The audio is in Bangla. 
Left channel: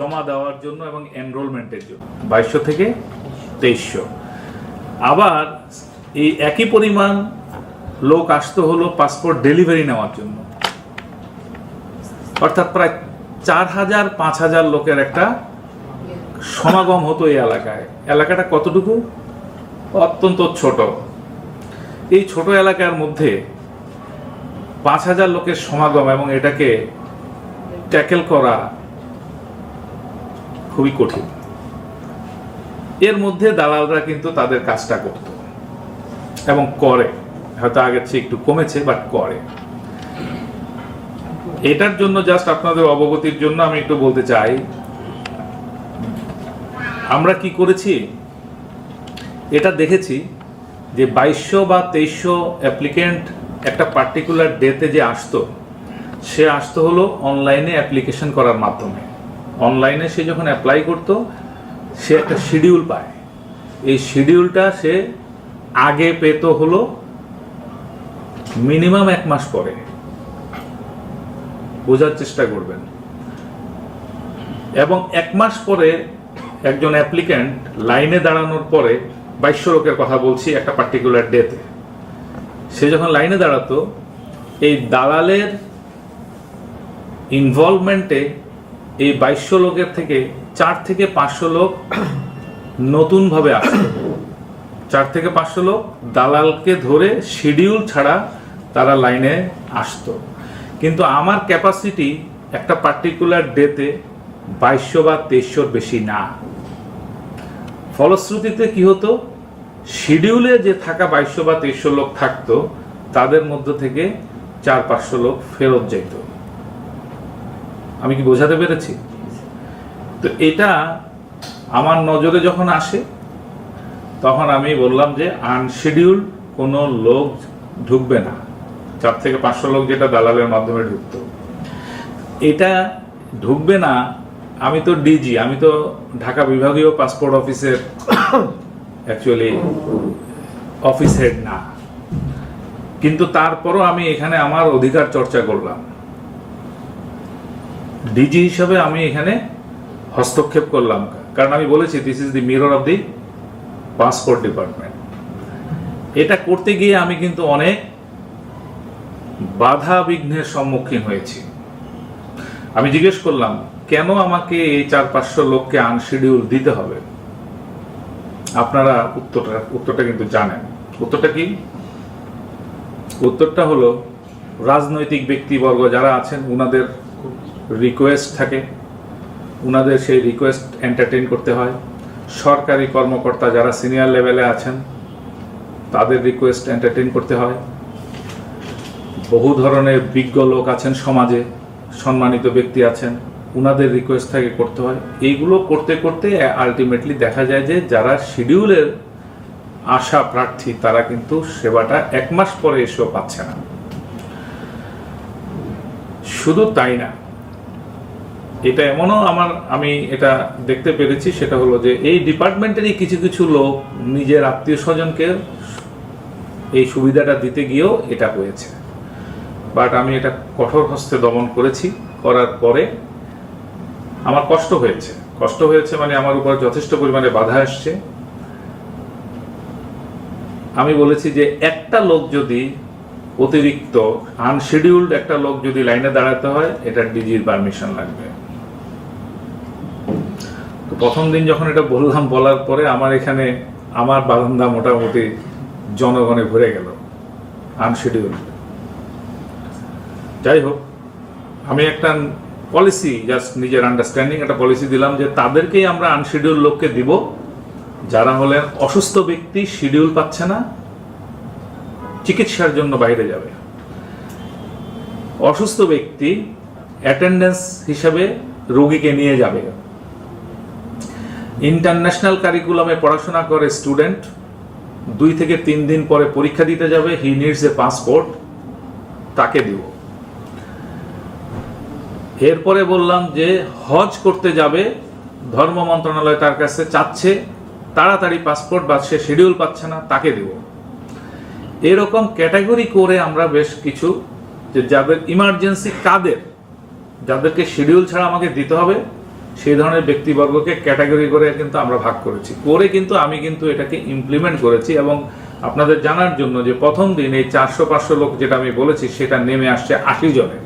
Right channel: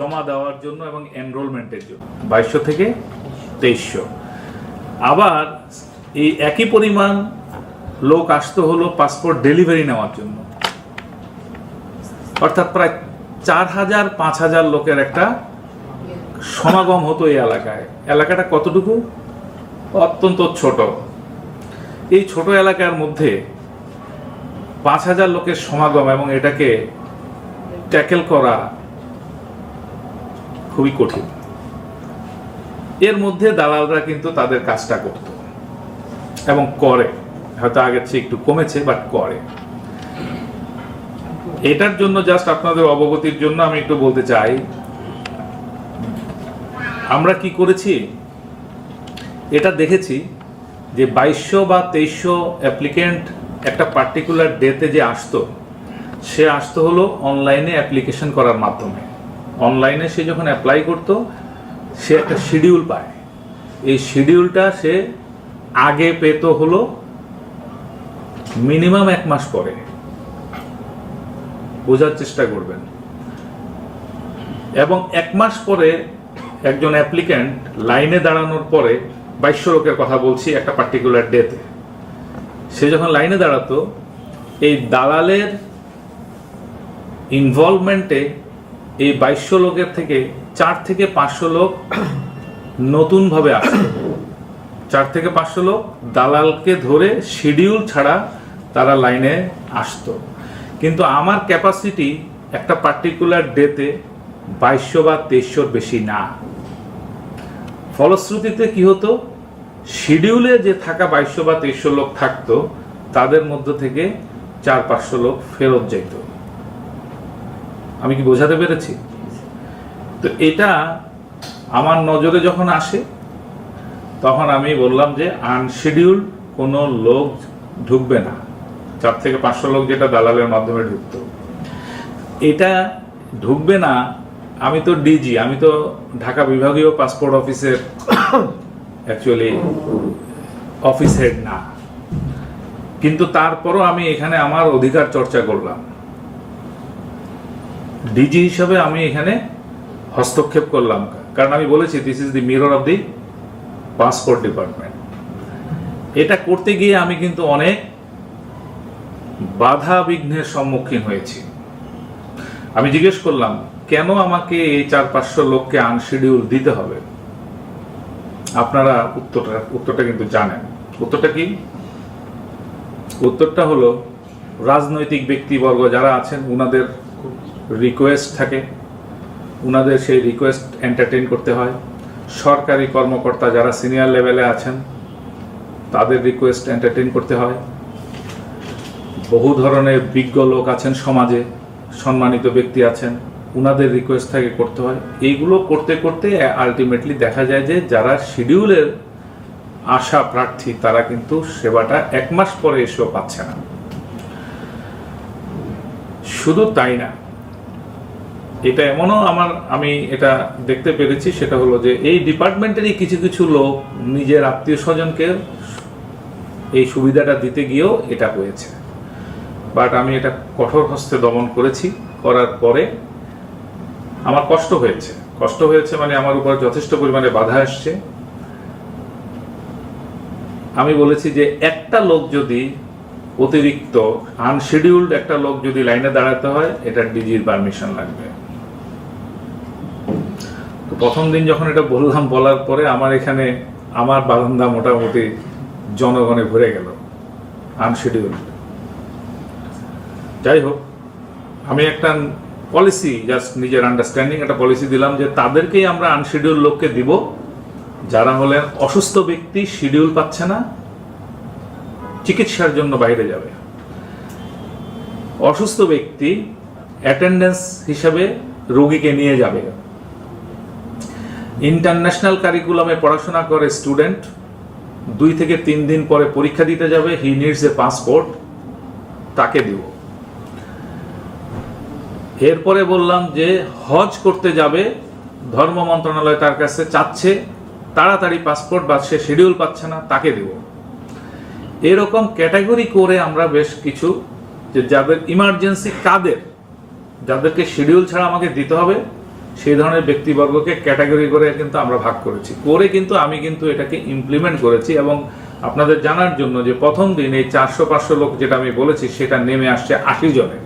জমা দেওয়ার জন্য এবং এনরোলমেন্টের জন্য। বাইশশো থেকে তেইশশো। আবার এই একই পরিমাণ লোক আসতে হলো পাসপোর্ট ডেলিভারি নেওয়ার জন্য। পাঁচ হাজার লোকের একটা পাঁচ হাজার লোকের সমাগম এবং এটাকে ট্যাকেল করা। খুবই কঠিন। এর মধ্যে দালালরা কিন্তু তাদের কাজটা করত এবং করে। হয়তো আগের চেয়ে একটু কমেছে বাট করে। এটার জন্য জাস্ট আপনাদের অবগতির জন্য আমি একটু বলতে চাই, আমরা কি করেছি? এটা দেখেছি যে বাইশশো বা তেইশশো অ্যাপ্লিকেন্ট একটা পার্টিকুলার ডেতে যে আসতো, সে আসতো হলো অনলাইনে অ্যাপ্লিকেশন করার মাধ্যমে। অনলাইনে সে যখন অ্যাপ্লাই করতো, সে একটা শিডিউল পায়। এই শিডিউলটা সে আগে পেতো হলো মিনিমাম এক মাস পরে। বোঝার চেষ্টা করবেন। এবং এক মাস পরে একজন অ্যাপ্লিক্যান্ট লাইনে দাঁড়ানোর পরে বাইশশো লোকের কথা বলছি একটা পার্টিকুলার ডেতে সে যখন লাইনে দাঁড়াতো, এই দালালের ইনভলভমেন্টে এই বাইশশো লোকের থেকে চার থেকে পাঁচশো লোক নতুনভাবে আসতো চার থেকে পাঁচশো লোক দালালকে ধরে শিডিউল ছাড়া তারা লাইনে আসতো। কিন্তু আমার ক্যাপাসিটি একটা পার্টিকুলার ডেতে বাইশশো বা তেইশশোর বেশি না। ফলশ্রুতিতে কি হতো? শিডিউলে যে থাকা বাইশশো বা তেইশশো লোক থাকতো, তাদের মধ্য থেকে চার পাঁচশো লোক ফেরত যেত আমি কি বোঝাতে পেরেছি? তো এটা আমার নজরে যখন আসে, তখন আমি বললাম যে আনশিডিউল কোনো লোক ঢুকবে না। চার থেকে পাঁচশো লোক যেটা দালালের মাধ্যমে ঢুকতো। এটা ঢুকবে না, আমি তো ডিজি আমি তো ঢাকা বিভাগীয় পাসপোর্ট অফিসের অ্যাকচুয়ালি অফিস হেড না। কিন্তু তারপরও আমি এখানে আমার অধিকার চর্চা করলাম। ডিজি হিসাবে আমি এখানে হস্তক্ষেপ করলাম। কারণ আমি বলেছি this is the mirror of the passport department এটা করতে গিয়ে আমি কিন্তু অনেক বাধা বিঘ্নের সম্মুখীন হয়েছি। আমি জিজ্ঞেস করলাম, কেন আমাকে এই চার পাঁচশো লোককে আনশিডিউল দিতে হবে? আপনারা উত্তরটা উত্তরটা কিন্তু জানেন। উত্তরটা কি? উত্তরটা হলো, রাজনৈতিক ব্যক্তিবর্গ যারা আছেন, উনাদের রিকোয়েস্ট থাকে। ওনাদের সেই রিকোয়েস্ট এন্টারটেইন করতে হয়। সরকারি কর্মকর্তা যারা সিনিয়র লেভেলে আছেন তাদের রিকোয়েস্ট এন্টারটেইন করতে হয় বহু ধরনের বিজ্ঞ লোক আছেন সমাজে সম্মানিত ব্যক্তি আছেন। ওনাদের রিকোয়েস্ট থাকে করতে হয়। এইগুলো করতে করতে আলটিমেটলি দেখা যায় যে যারা শিডিউলের আশা প্রার্থী তারা কিন্তু সেবাটা এক মাস পরে এসব পাচ্ছে না। শুধু তাই না এটা এমনও আমার, আমি এটা দেখতে পেরেছি, সেটা হলো যে এই ডিপার্টমেন্টেরই কিছু কিছু লোক নিজের আত্মীয় স্বজনকে এই সুবিধাটা দিতে গিয়েও এটা হয়েছে। বাট আমি এটা কঠোর হস্তে দমন করেছি, করার পরে আমার কষ্ট হয়েছে। কষ্ট হয়েছে মানে আমার উপর যথেষ্ট পরিমাণে বাধা আসছে আমি বলেছি যে একটা লোক যদি অতিরিক্ত আনশিডিউল্ড একটা লোক যদি লাইনে দাঁড়াইতে হয় এটা ডিজির পারমিশন নেই। যাই হোক। আমি একটা পলিসি জাস্ট নিজের আন্ডারস্ট্যান্ডিং একটা পলিসি দিলাম যে তাদেরকেই আমরা আনশিডিউল লোককে দিব যারা হলেন অসুস্থ ব্যক্তি শিডিউল পাচ্ছে না চিকিৎসার জন্য বাইরে যাবে। অসুস্থ ব্যক্তি অ্যাটেন্ডেন্স হিসাবে রোগীকে নিয়ে যাবে। ইন্টারন্যাশনাল কারিকুলামে পড়াশোনা করে স্টুডেন্ট দুই থেকে তিন দিন পরে পরীক্ষা দিতে যাবে হি নিডস এ পাসপোর্ট তাকে তাকে এরকম ক্যাটাগরি করে আমরা বেশ কিছু যে যাদের ইমার্জেন্সি কাদের যাদেরকে শিডিউল ছাড়া আমাকে দিতে হবে সেই ধরনের ব্যক্তিবর্গকে ক্যাটাগরি করে কিন্তু আমরা ভাগ করেছি। করে কিন্তু আমি কিন্তু এটাকে ইমপ্লিমেন্ট করেছি এবং আপনাদের জানার জন্য যে প্রথম দিন এই চারশো পাঁচশো লোক যেটা আমি বলেছি, সেটা নেমে আসছে আশি জনে